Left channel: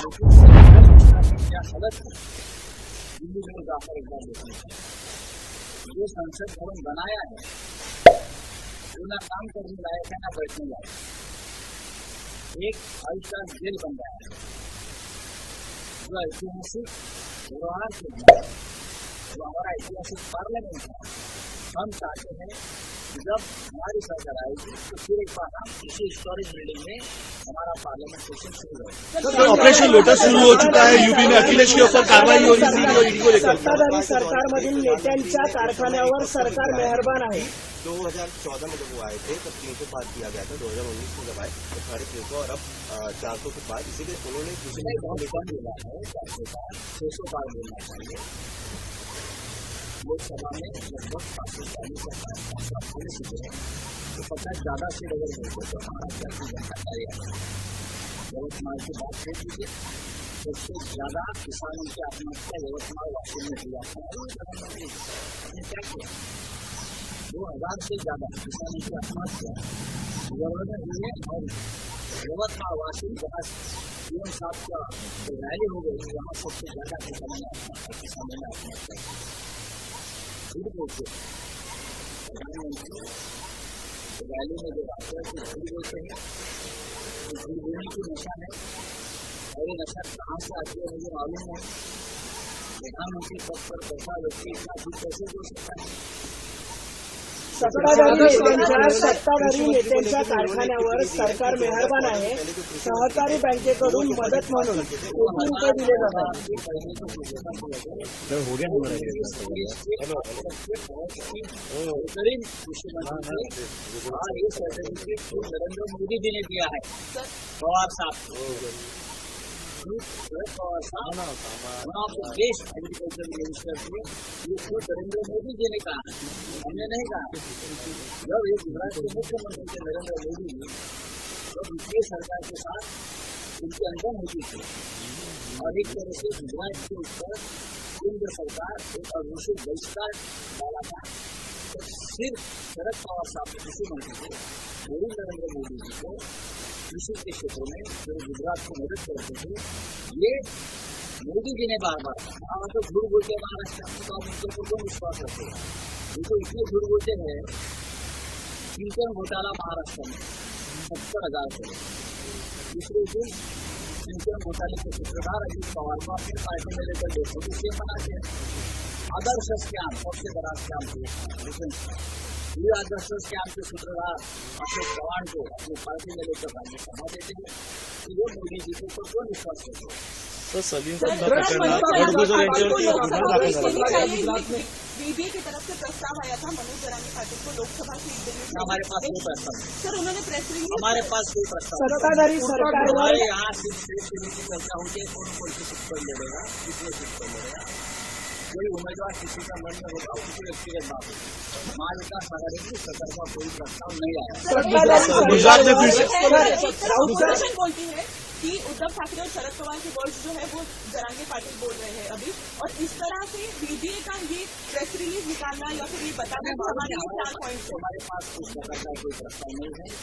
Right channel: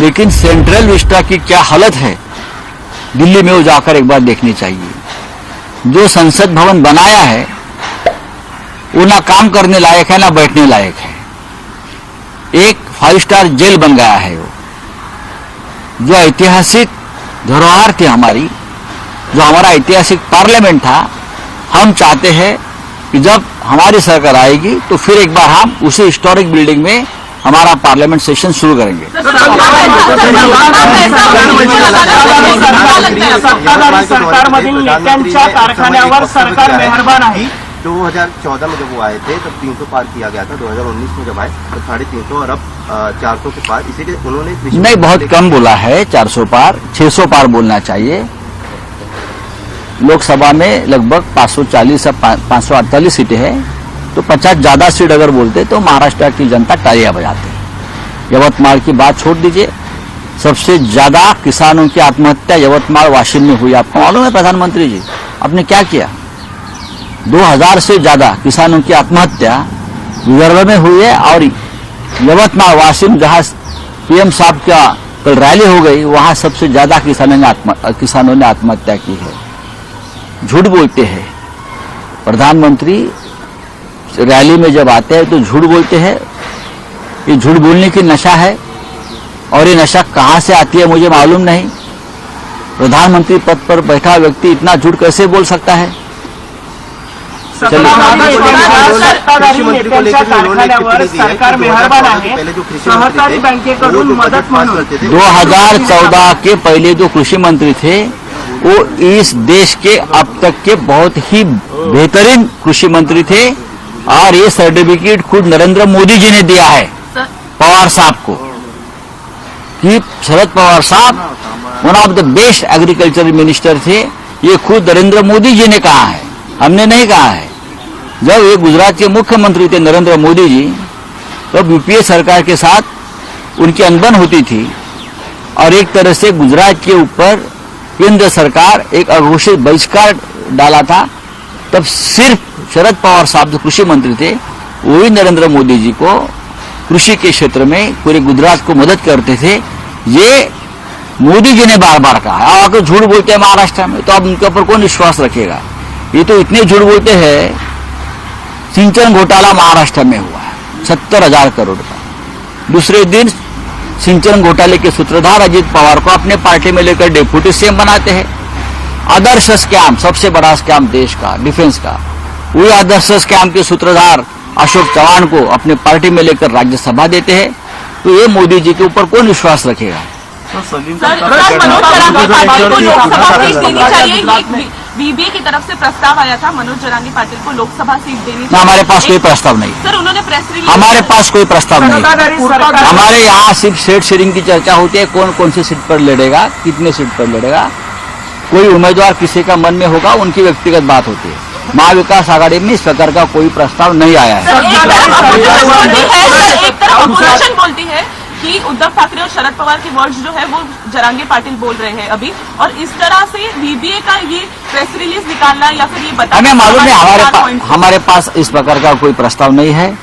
लेकिन central Vista की क्या हालत है दिल्ली में वो जाकर एक बार देखनी चाहिए। जो संसद भवन बनाया है वो ना काम करने लायक है ना बैठने लायक है। एक 5 स्टार जेल बन गया है वो। जो ऐतिहासिक धरोहर थी हमारी, जो हमारा ऐतिहासिक पार्लियामेंट था, हम चाहते हैं कि जब हमारी सरकार आएगी तो फिर एक बार हम उसी हिस्टोरिक बिल्डिंग में हमारा पार्लियामेंट सेशन शुरू करेंगे। सरकारमधील नेत्यांच्या कारखान्यावर सरकार मेहरबान आहे। 2014 में जब वो आए थे तब 300 पार किया गया था। 2019 में जब आए तो 350 और अब 400 के पार, इसीलिए उन्होंने नहीं, बहुत कम बोला है 400 पार, 600 पार बोलना चाहिए। लोकसभा में लगभग 540 या 548 सीटें हैं, तो 50 ज्यादा सीट अगर बोलते तो महाराष्ट्र की जनता तालियां बजाती। यवतमाल की बात छोड़ दीजिए, सबसे ज्यादा किसानों की आत्महत्या यवतमाल वाशिम में हुई। आपको मालूम है प्रधानमंत्री जी आपने क्या किया? 2000 से ज्यादा किसानों की आत्महत्या विदर्भ में हुई है। और यवतमाल वाशिम जहां पीएम साहब का कल रैली हो गई, वहां सबसे ज्यादा किसानों ने आत्महत्या की है। झूठ बोलते हैं प्रधानमंत्री, रैली में जब आते हैं तो झूठ बोलते हैं। ये झूठ बोलने की नशा है, और ये नशा कहां से आती है मुझे मालूम नहीं। प्रधानमंत्री पद पर बैठा व्यक्ति इतना झूठ कैसे बोल सकता है? सत्ताधारी नेत्यांच्या कारखान्यावर सरकार मेहरबान आहे। सहकारी बँकेकडून मदत म्हणून 2014 के पहले जो कृषि मंत्री थे वो इस देश के अब तक के बहुत ही बेहतरीन कृषि मंत्री थे, और ये सर्टिफिकेट खुद नरेंद्र मोदी जी ने दिया है पवार साहब को कि शरद पवार साहब one of the best agriculture minister थे। ये खुद नरेंद्र मोदी जी ने कहा है, हमने नहीं कहा है। जब ये गुजरात के मुख्यमंत्री थे नरेंद्र मोदी जी, तब यूपीए सरकार के साथ उनकी अनबन होती थी, और एक तरह से गुजरात के ऊपर केंद्र सरकार एक अघोषित बहिष्कार डाला था। तब सिर्फ शरद पवार साहब जो कृषि मंत्री थे वही नरेंद्र मोदी जी को कृषि के क्षेत्र में पूरे गुजरात को मदद करते थे। ये मोदी जी ने बार बार कहा। आकर झूठ बोलते हैं महाराष्ट्र में, तो अब उनके ऊपर कौन विश्वास रखेगा? ये तो इतने झूठ बोलते हैं। सिंचन घोटाला महाराष्ट्र में हुआ है 70,000 करोड़ का। दूसरे दिन सिंचन घोटाले के सूत्रधार अजित पवार को अपने पार्टी में लेकर डिप्यूटी सीएम बनाते हैं। आदर्श स्कैम, सबसे बड़ा स्कैम देश का, डिफेंस का, वही आदर्श स्कैम के सूत्रधार अशोक चव्हाण को अपने पार्टी में लेकर राज्यसभा देते हैं। तो ये मोदी जी के ऊपर कौन विश्वास रखेगा? बीबीए की तरफ से प्रस्ताव आया था मनोज जरांगी पाटिल को लोकसभा सीट देनी। हमारे पास कोई प्रस्ताव नहीं सर, उन्होंने प्रेस रिलीज, हमारे पास कोई प्रस्ताव नहीं। हमारे यहाँ सिर्फ सीट शेयरिंग की चर्चा होती है, कौन कौन सी सीट पर लड़ेगा, कितने सीट पर लड़ेगा। कोई उम्मीदवार किसी का मन में होगा, उनकी व्यक्तिगत बात होती है। महाविकास आघाड़ी में इस प्रकार का कोई प्रस्ताव नहीं आया है। एक तरफ ऑपोजिशन बोलती है कि उद्धव ठाकरे और शरद पवार के वर्ड्स जो है वो जरांगे पाटिल बोल रहे हैं अभी, और इस तरह से बीबीए का ये प्रेस रिलीज निकालना या फिर ये बताना, हमें मालूम है हमारे पास इस प्रकार का कोई प्रस्ताव नहीं है।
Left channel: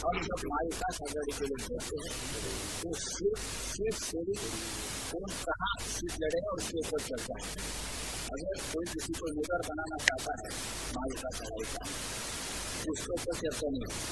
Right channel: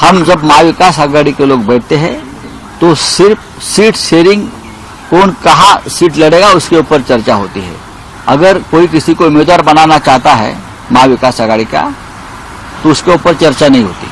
हम जब महाविकास आघाड़ी के लोग बैठते हैं तो सिर्फ सीट शेयरिंग, कौन कहाँ सीट लड़ेगा उसके ऊपर चर्चा होती है। अगर कोई किसी को उम्मीदवार बनाना चाहता है महाविकास आघाड़ी का, तो उसके ऊपर चर्चा नहीं होती।